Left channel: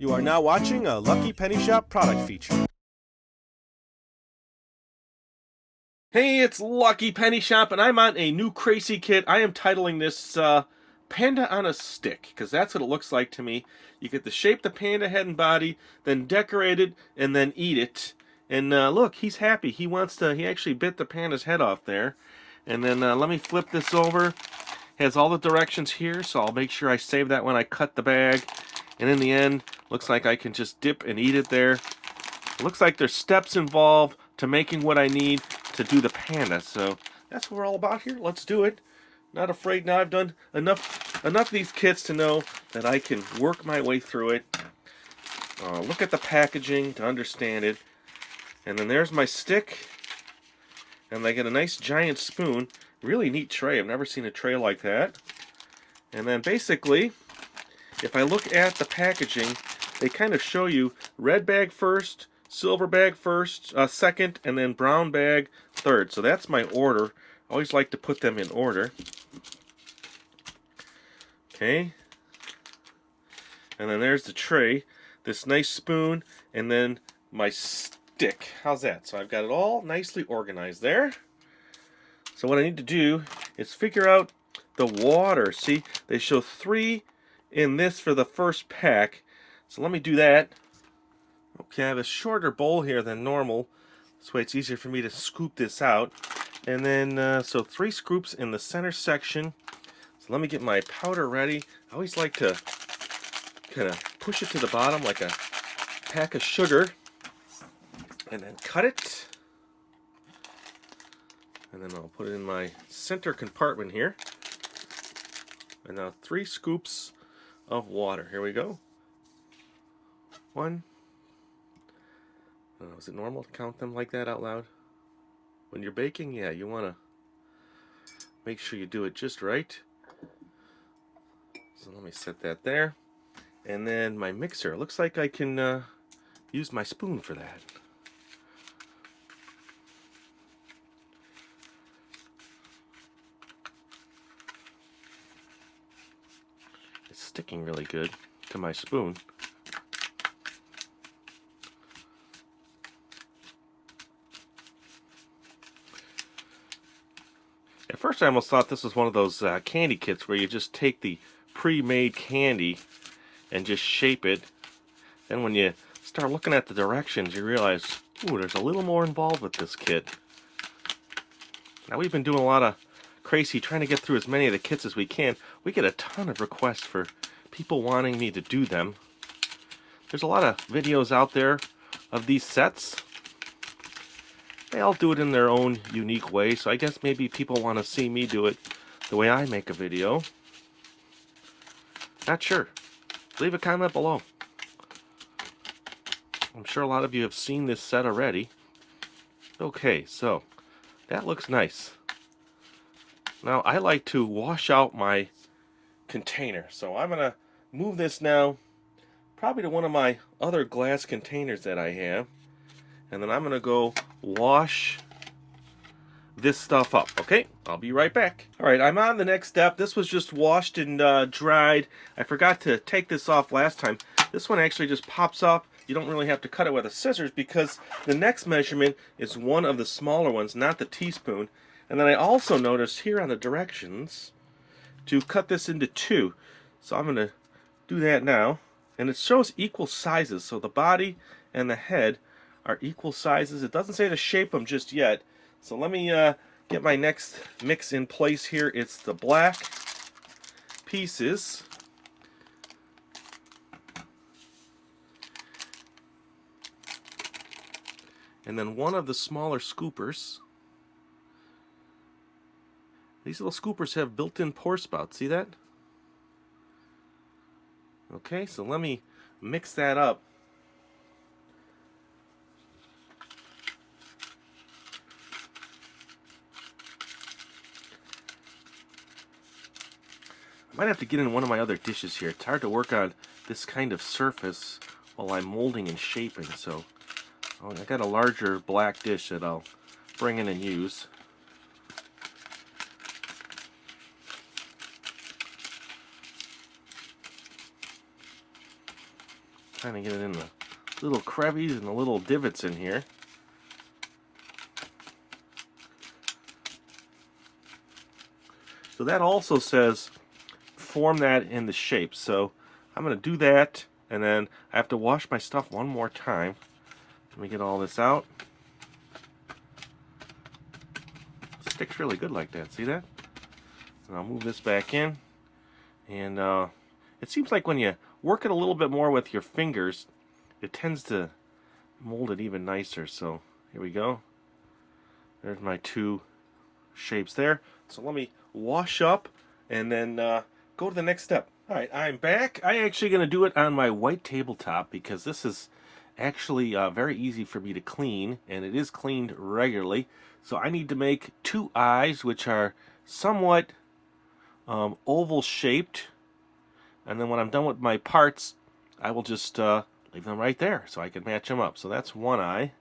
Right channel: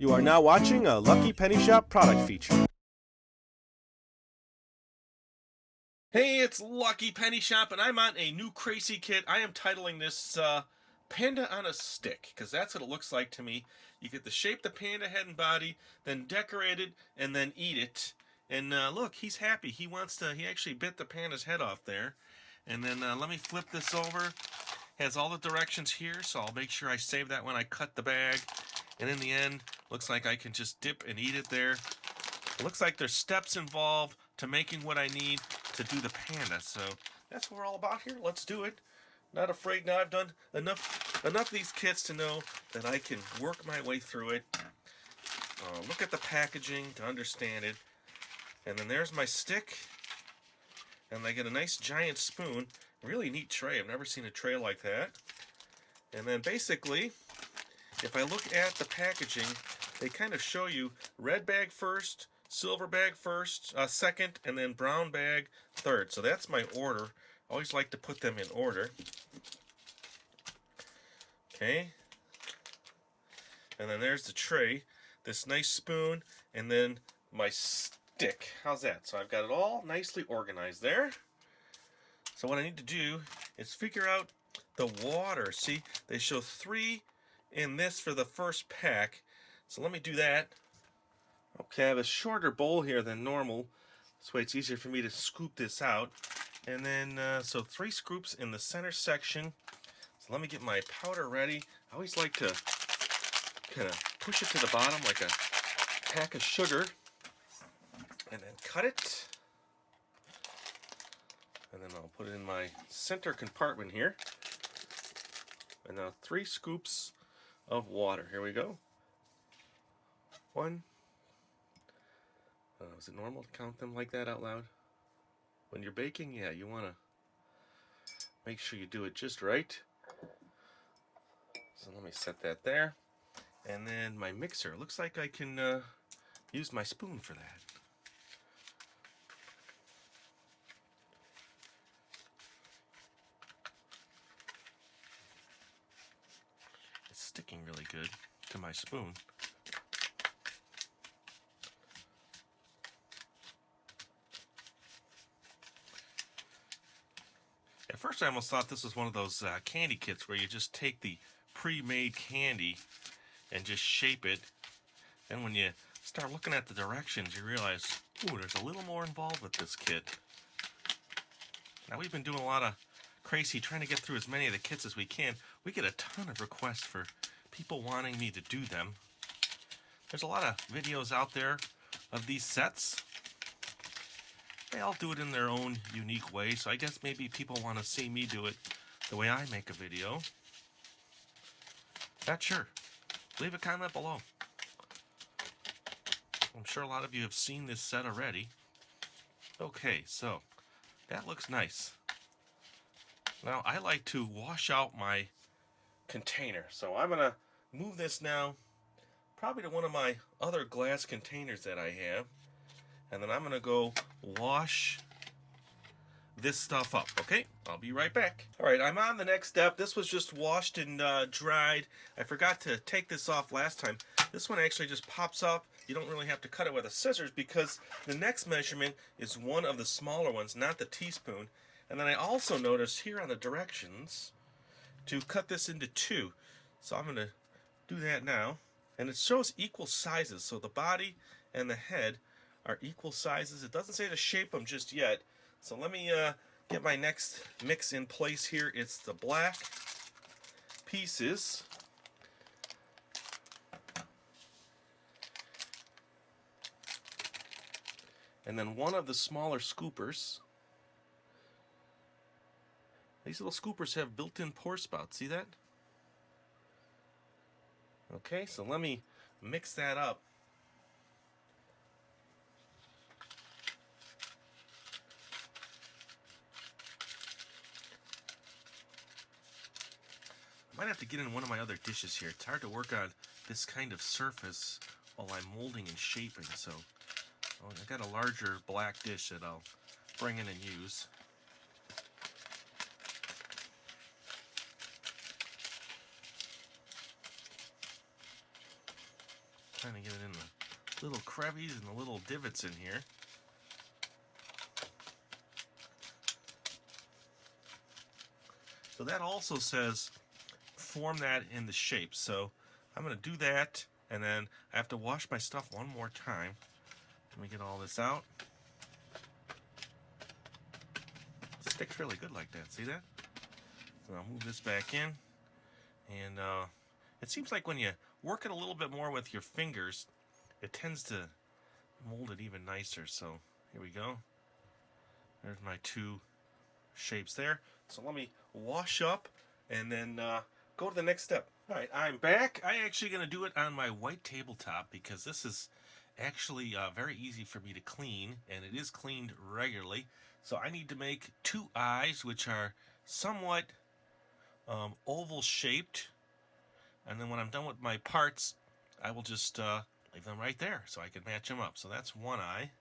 You are now watching a Lucky Penny Shop product feature. Hey, it's Lucky Penny Shop, and I'm on a new Kracie kit. I am titling this Panda on a Stick, because that's what it looks like to me. You get to shape the panda head and body, then decorate it, and then eat it. And look, he's happy. He actually bit the panda's head off there. And then let me flip this over. Has all the directions here, so I'll make sure I save that when I cut the bag. And in the end, looks like I can just dip and eat it there. It looks like there's steps involved to making what I need to do the panda. So that's what we're all about here. Let's do it. Not afraid now. I've done enough of these kits to know that I can work my way through it. Look at the packaging to understand it. And then there's my stick. And I get a nice giant spoon. Really neat tray. I've never seen a tray like that. And then basically, if I look at the packaging, they kind of show you red bag first, silver bag first, second, and then brown bag third. So that's my order. I always like to put them in order. Okay. And then there's the tray, this nice spoon, and then my stick. How's that? So I've got it all nicely organized there. So what I need to do is figure out the water. See, they show 3 in this for the first pack. So let me do that. Okay, I have a shorter bowl here than normal. This way it's easier for me to scoop this out. And then, so 3 scoops in the center section. So let me get my powder ready. I always like to kind of push it to the bottom like a pack of sugar. And then cut it. And then I'll put it in my center compartment here. And now 3 scoops of water. Here we go. 1. Is it normal to count them like that out loud? When you're baking, yeah, you want to make sure you do it just right. So let me set that there. And then my mixer. Looks like I can use my spoon for that. It's sticking really good to my spoon. At first I almost thought this was one of those candy kits where you just take the pre-made candy and just shape it. Then when you start looking at the directions, you realize, ooh, there's a little more involved with this kit. Now we've been doing a lot of Kracie trying to get through as many of the kits as we can. We get a ton of requests for people wanting me to do them. There's a lot of videos out there of these sets. They all do it in their own unique way, so I guess maybe people want to see me do it the way I make a video. Not sure. Leave a comment below. I'm sure a lot of you have seen this set already. Okay, so that looks nice. Now I like to wash out my container, so I'm going to move this now probably to one of my other glass containers that I have. And then I'm going to go wash this stuff up, okay? I'll be right back. Alright, I'm on the next step. This was just washed and dried. I forgot to take this off last time. This one actually just pops up. You don't really have to cut it with a scissors because the next measurement is one of the smaller ones, not the teaspoon. And then I also noticed here on the directions to cut this into 2. So I'm going to do that now. And it shows equal sizes, so the body and the head are equal sizes. It doesn't say to shape them just yet. So let me get my next mix in place here. It's the black pieces. And then one of the smaller scoopers. These little scoopers have built-in pour spouts. See that? Okay, so let me mix that up. I might have to get in one of my other dishes here. It's hard to work on this kind of surface while I'm molding and shaping, so I got a larger black dish that I'll bring in and use. Trying to get it in the little crevices and the little divots in here. So that also says form that in the shape. So I'm going to do that, and then I have to wash my stuff one more time. Let me get all this out. It sticks really good like that. See that? And I'll move this back in. And it seems like when you work it a little bit more with your fingers, it tends to mold it even nicer. So here we go. There's my two shapes there. So let me wash up and then go to the next step. Alright, I'm back. I'm actually going to do it on my white tabletop because this is actually very easy for me to clean, and it is cleaned regularly. So I need to make two eyes, which are somewhat oval shaped, and then when I'm done with my parts, I will just leave them right there so I can match them up. So that's one eye.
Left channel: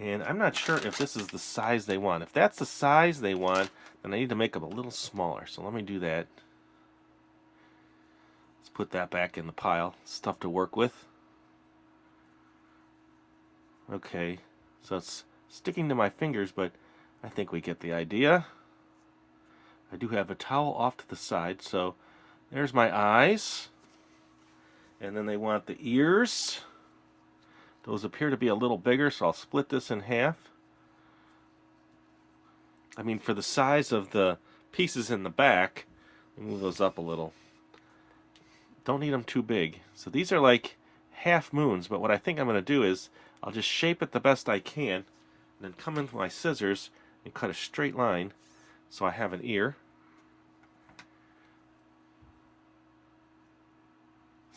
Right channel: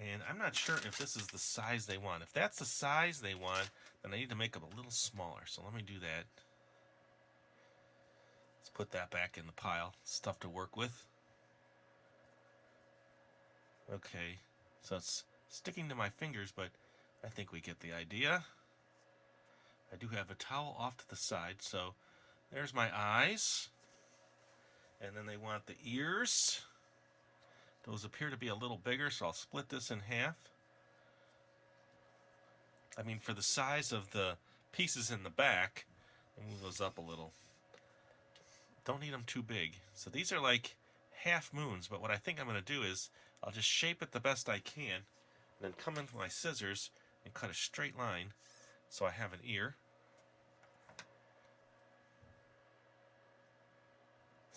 And I'm not sure if this is the size they want. If that's the size they want, then I need to make them a little smaller. So let me do that. Let's put that back in the pile. Stuff to work with. Okay, so it's sticking to my fingers, but I think we get the idea. I do have a towel off to the side, so there's my eyes. And then they want the ears. Those appear to be a little bigger, so I'll split this in half. I mean, for the size of the pieces in the back, I'll move those up a little. Don't need them too big. So these are like half moons, but what I think I'm going to do is I'll just shape it the best I can, and then come in with my scissors and cut a straight line so I have an ear.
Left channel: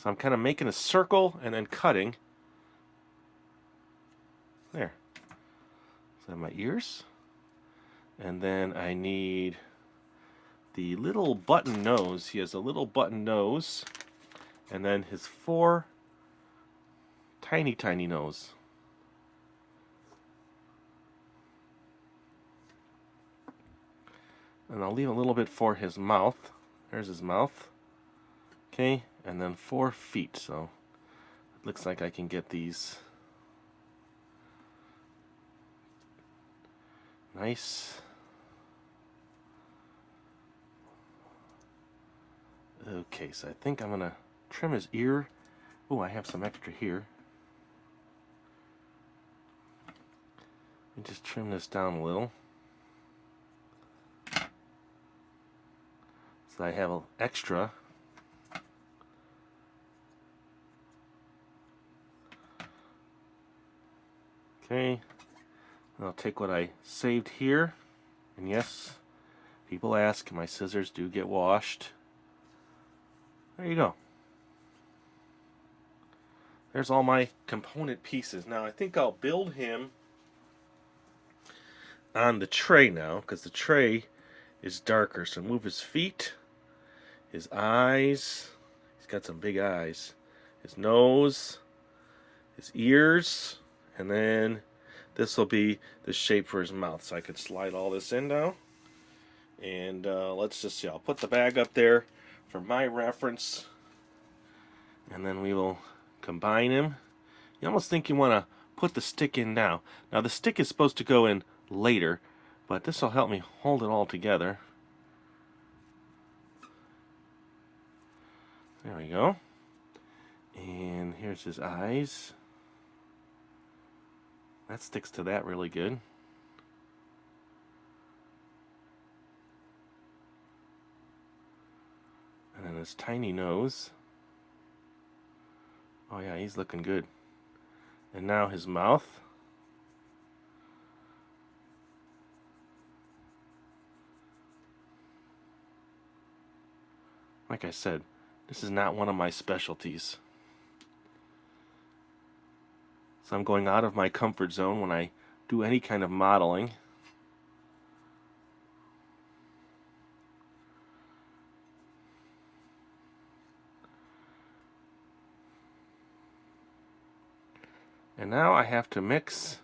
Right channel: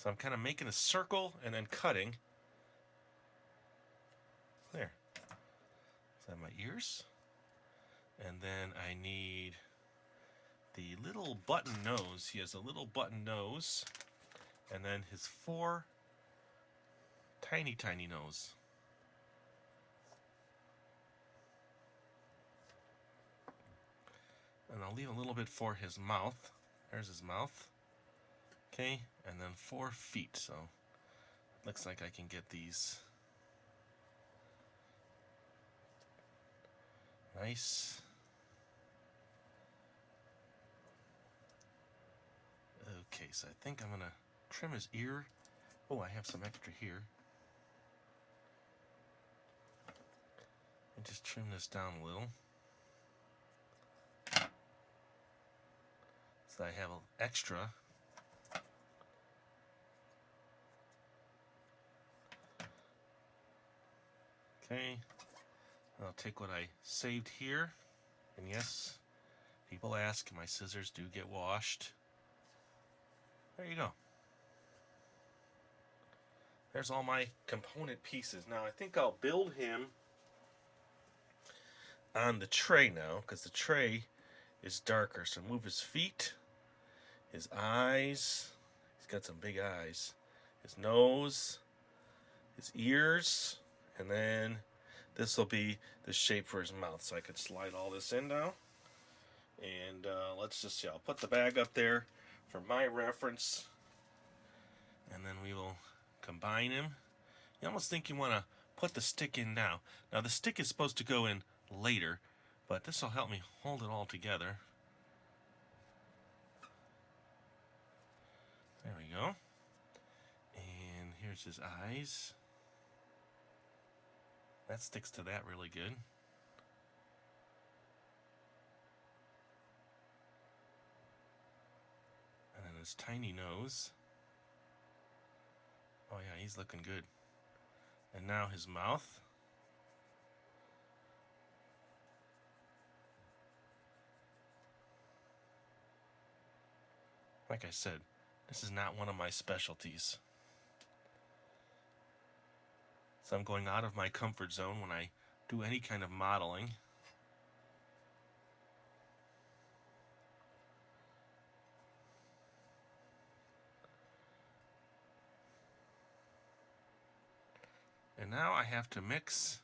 So I'm kind of making a circle and then cutting. There. So I have my ears. And then I need the little button nose. He has a little button nose. And then his four tiny, tiny nose. And I'll leave a little bit for his mouth. There's his mouth. Okay, and then 4 feet. So it looks like I can get these nice. Okay, so I think I'm going to trim his ear. Oh, I have some extra here. And just trim this down a little. So I have an extra. Okay. I'll take what I saved here. And yes, people ask, my scissors do get washed. There you go. There's all my component pieces. Now I think I'll build him on the tray now, because the tray is darker. So move his feet, his eyes. He's got some big eyes. His nose, his ears, and then this will be the shape for his mouth. So I could slide all this in now. And let's just see. I'll put the bag up there for my reference. And then we will combine him. You almost think you want to put the stick in now. Now the stick is supposed to go in later, but this will help me hold it all together. There we go. And here's his eyes. That sticks to that really good. And then his tiny nose. Oh yeah, he's looking good. And now his mouth. Like I said, this is not one of my specialties. So I'm going out of my comfort zone when I do any kind of modeling. And now I have to mix.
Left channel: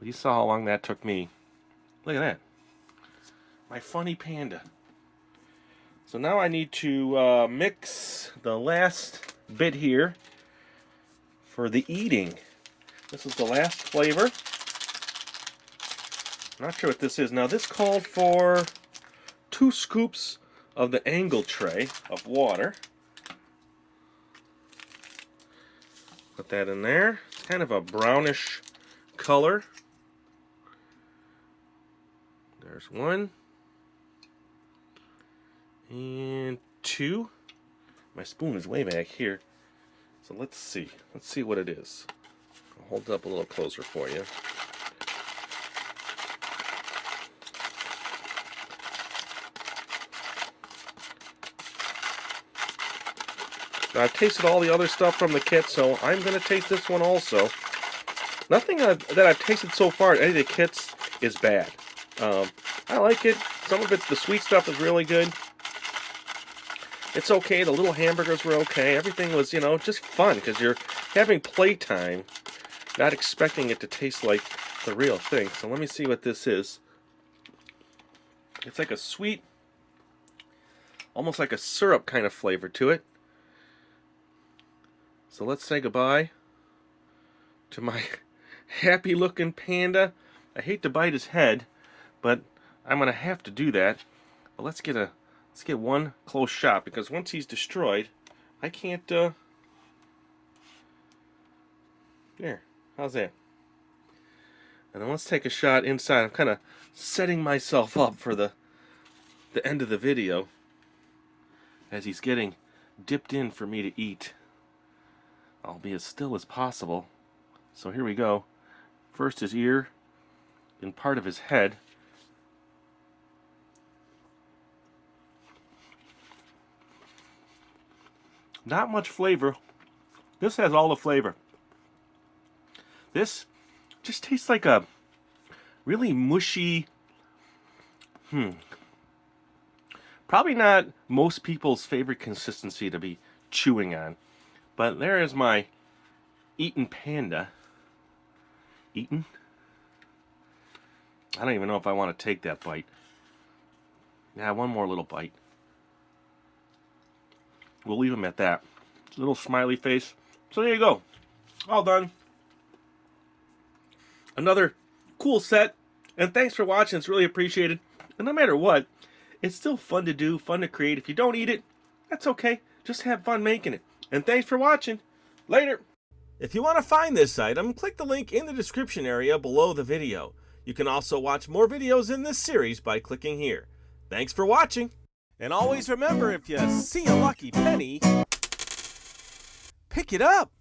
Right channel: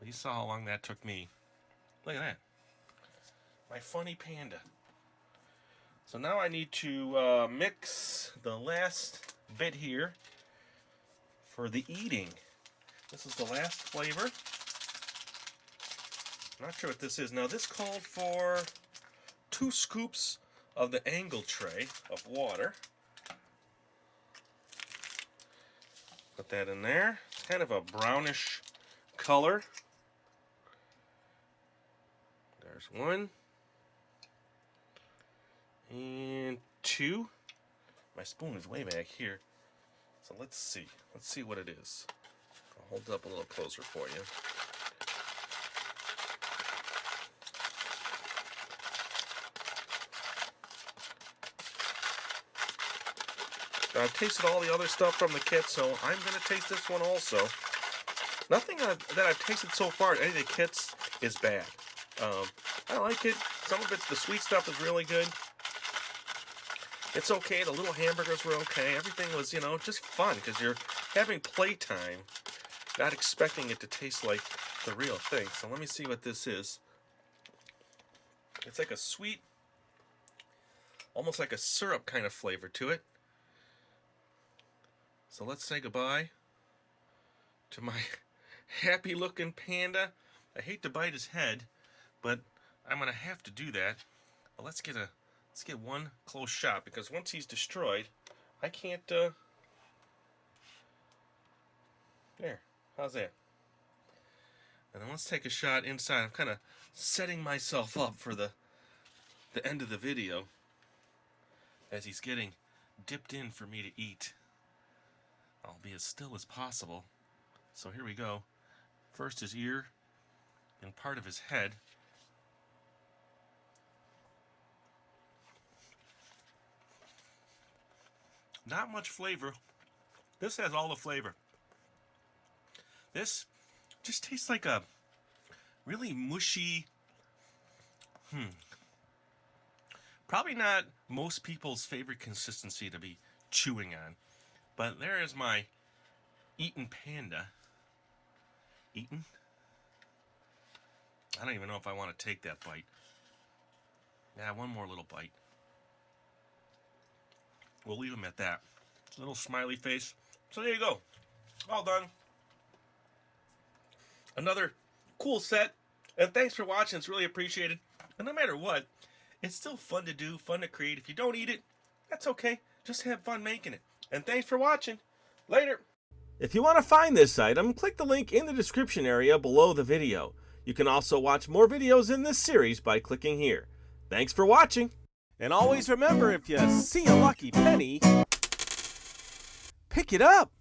Well, you saw how long that took me. Look at that. My funny panda. So now I need to mix the last bit here for the eating. This is the last flavor. Not sure what this is. Now this called for 2 scoops of the angle tray of water. Put that in there. It's kind of a brownish color. There's 1. And 2. My spoon is way back here. So let's see. Let's see what it is. I'll hold it up a little closer for you. Now, I've tasted all the other stuff from the kit, so I'm going to taste this one also. Nothing that I've tasted so far at any of the kits is bad. I like it. Some of the sweet stuff is really good. It's okay. The little hamburgers were okay. Everything was, you know, just fun because you're having playtime, not expecting it to taste like the real thing. So let me see what this is. It's like a sweet, almost like a syrup kind of flavor to it. So let's say goodbye to my happy-looking panda. I hate to bite his head, but I'm gonna have to do that. But let's get one close shot, because once he's destroyed, I can't. There. How's that? And then let's take a shot inside. I'm kind of setting myself up for the end of the video as he's getting dipped in for me to eat. I'll be as still as possible. So here we go. First his ear, then part of his head. Not much flavor. This has all the flavor. This just tastes like a really mushy, probably not most people's favorite consistency to be chewing on. But there is my eaten panda. Eaten? I don't even know if I want to take that bite. Yeah, one more little bite. We'll leave him at that. Little smiley face. So there you go. All done. Another cool set. And thanks for watching. It's really appreciated. And no matter what, it's still fun to do, fun to create. If you don't eat it, that's okay. Just have fun making it. And thanks for watching. Later. If you want to find this item, click the link in the description area below the video. You can also watch more videos in this series by clicking here. Thanks for watching. And always remember, if you see a lucky penny, pick it up.